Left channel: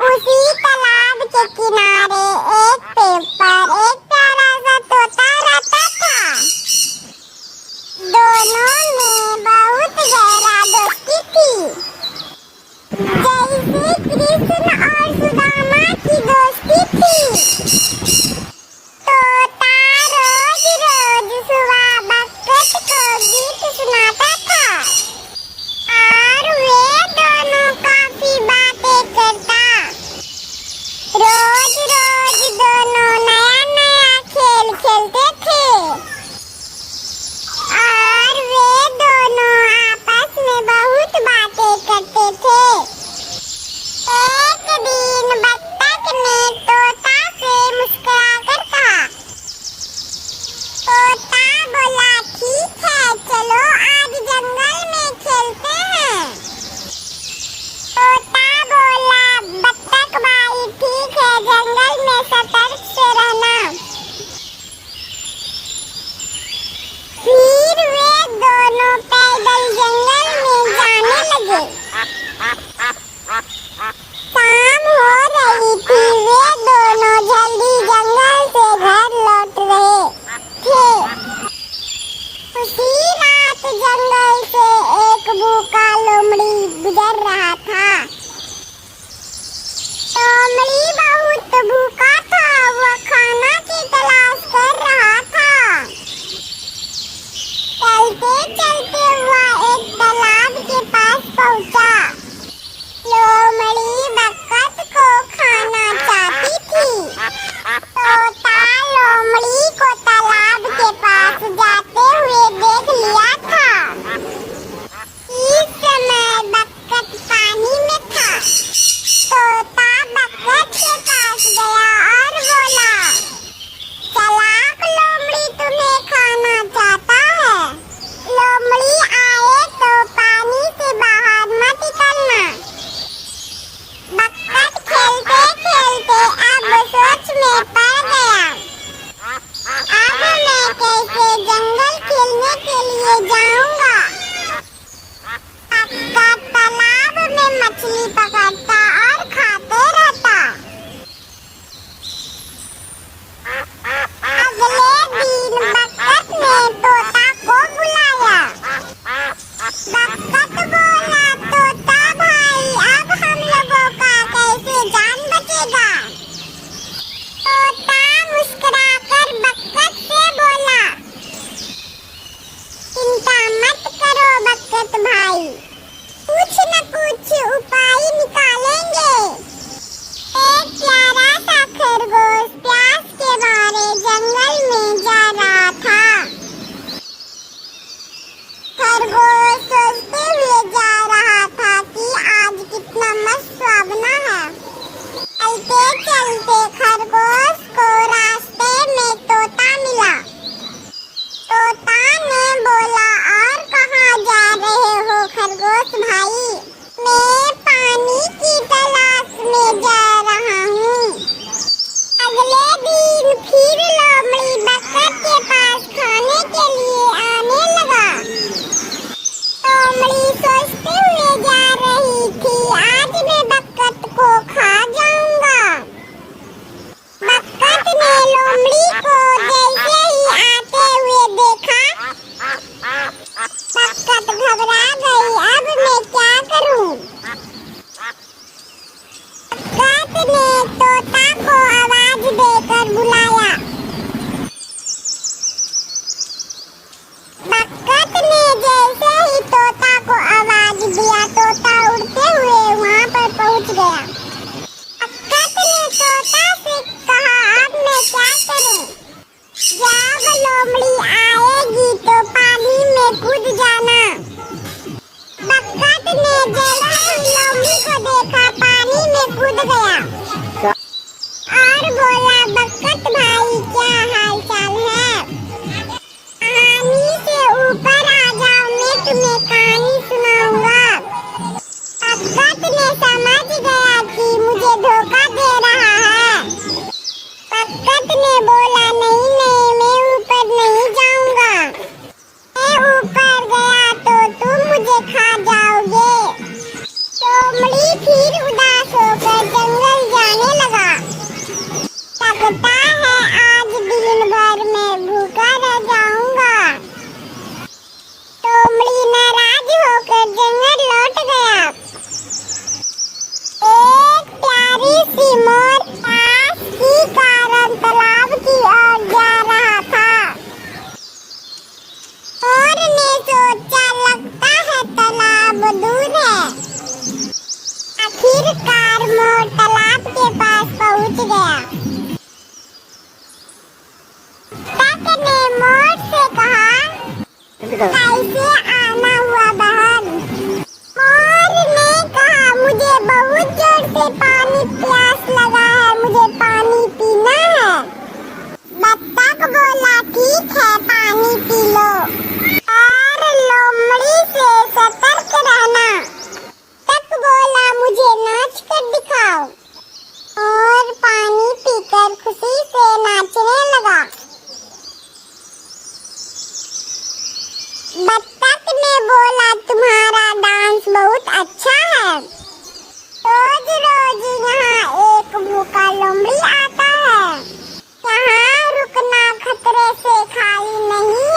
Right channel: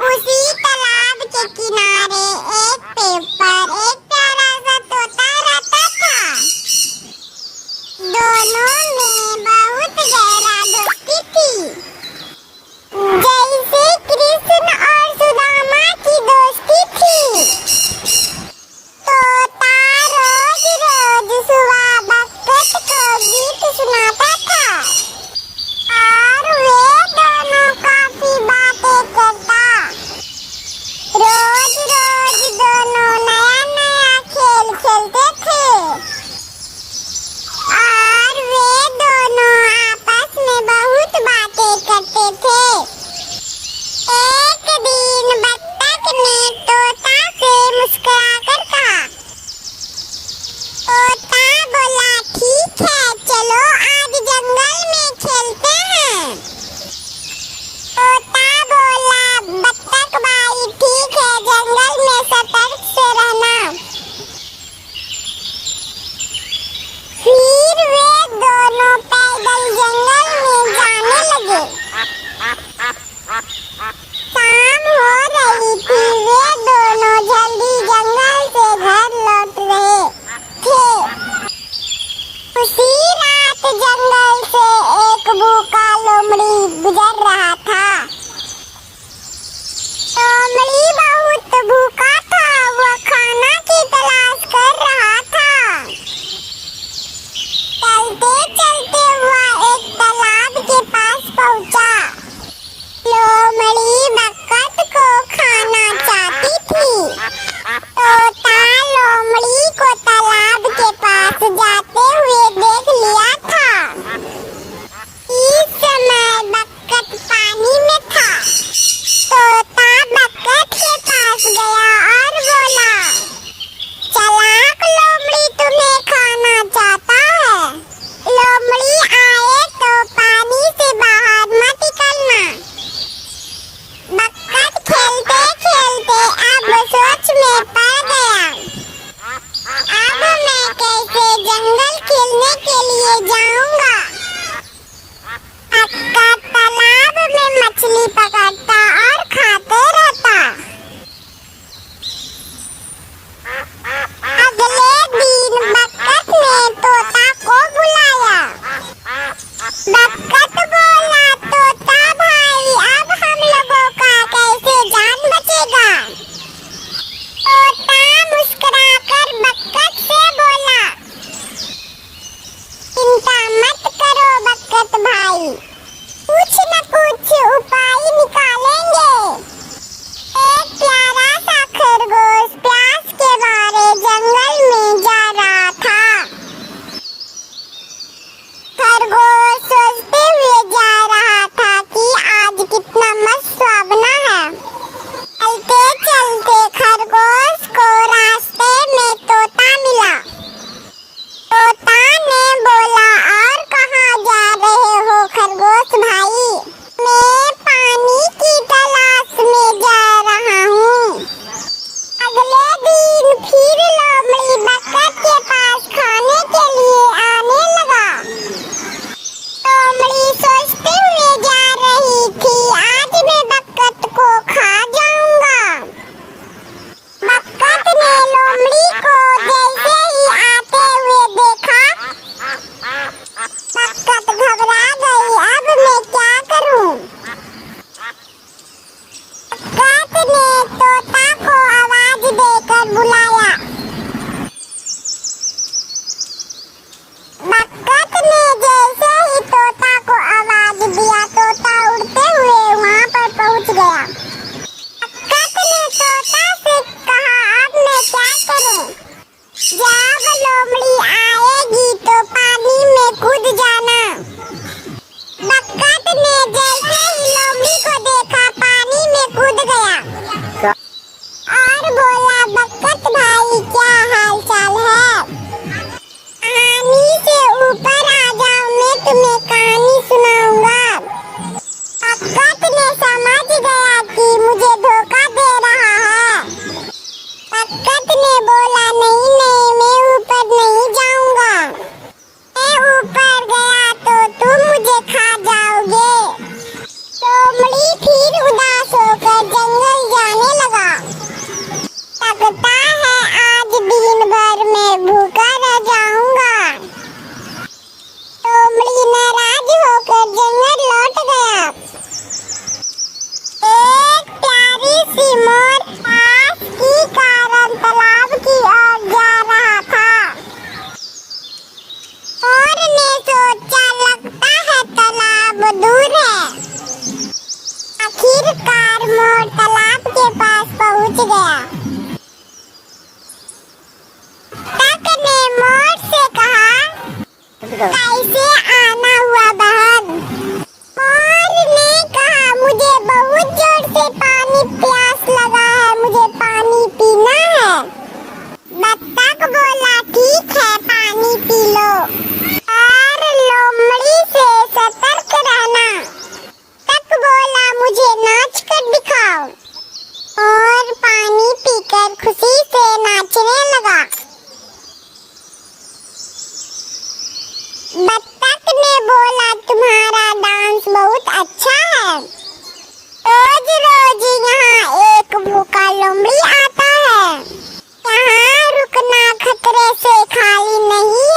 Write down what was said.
उसी तालाब के किनारे एक पेड़ पर एक प्यारा सा तोता रहता था। दोनों में बहुत गहरा दोस्ती थी, जैसे कृष्ण और सुदामा की दोस्ती थी। तोता रोज रोज सुबह बकत को गीत सुनाता था और वे दोनों काफी बातें करता। रोज रोज दोनों नया नया खेल खेलते थे और वे दोनों आपस में बहुत बातें करते थे। एक दिन बत्तख ने तोता से मुस्कुराकर कहा। तोता बोला, ठीक है, चलो आज जंगल में खेलते हैं। तोता बोला, बत्तख भाई ठीक है, जंगल में सतर्क से रहना। फिर वे दोनों पैदल जंगल में जाने लगे। शाम हो रही थी, वे दोनों जल्दी जंगल से घर लौट रहे थे। उसी रात जंगल से एक भूखा लोमड़ी गुजर रहा था। लोमड़ी बहुत भूखा था, वो खाना की तलाश कर रहा था। चलते चलते हुआ एक तालाब के पास पहुंचा। लोमड़ी बकत को खाना चाहती थी। तोता लोमड़ी को तालाब के पास जाते हुए देख लिया था। इस समय बकत पानी में था। तोता बकत के पास गया और बोला, चालाक लोमड़ी तुम्हें खाना चाहता है। लोमड़ी आए तो पानी से बाहर मत निकलना। बकत खेलते खेलते अब सोच में पड़ गया। अब मैं कैसे जंगल खेलने के लिए जाऊंगा। बकत तालाब में मछली पकड़ता और खाते रहता। अगले दिन बकत ने तोता को बुलाया। बकत बोला, तोता भाई अब हम लोगों का कैसे जान बचेगा। तोता मुस्कुराकर बकत से बोला, चिंता मत करो बकत भाई, कुछ न कुछ उपाय निकालेंगे। एक प्यारा सा खरगोश प्यास के मारे जंगल में जा रहा था। खरगोश सोचते हुए जा रहा था कि आज कितना मस्त सुहावना है। चलते चलते खरगोश को रास्ते में तोता मिला। तोता ने बोला, और कहाँ जा रहे हो खरगोश भाई। मैं पानी की तलाश में जा रहा हूँ। अगले दिन फिर लोमड़ी बकत के पास खाने के लिए आने लगा। लोमड़ी सोचते हुए जा रही थी, आज मैं बकत को खा जाऊंगा। बकत ने लोमड़ी को जैसे ही आते हुए देखा, बकत घबरा गई। अब मैं क्या करूं। बकत ने तोता को आवाज देकर बुलाया। बकत ने जैसे ही तोता को आवाज दिया, तोता उड़ते हुए वहां पर पहुंच गया। बकत ने तोता से कहा, अब मैं क्या करूं। जब लोमड़ी आएगी तो पानी में कूद जाना। बकत ने जैसे ही लोमड़ी को देखा, पानी में कूद गया और बोला, बकत भाई क्या हाल चाल है। पानी से ऊपर आ जाओ, मैं तुम्हें कहानी सुनाऊंगा। बकत ने समझ गया कि मुझे धोखा दे रहा है। बकत ने बोला, नहीं नहीं, मैं सोचा लगता है तालाब दूर है। आखिरकार मोर तालाब के पास पहुंच गया। तक ने मोर से कहा, कैसे आना हुआ बहन? मोर ने कहा, मुझे बहुत जोर से पानी प्यास लगा है, मुझे पानी पीना है। बत्तख बोला, ठीक है पानी पी लो, और लोमड़ी से सतर्क रहना। तक बोला, मुझे नाच कर दिखाओ, और पानी पीकर खुशी से नाचने लगा। बत्तख ने बोला, तुम्हारा डांस बहुत अच्छा है। रोज रोज यहाँ एक भूखा लोमड़ी आता है, यहाँ रुकना खतरे से खाली नहीं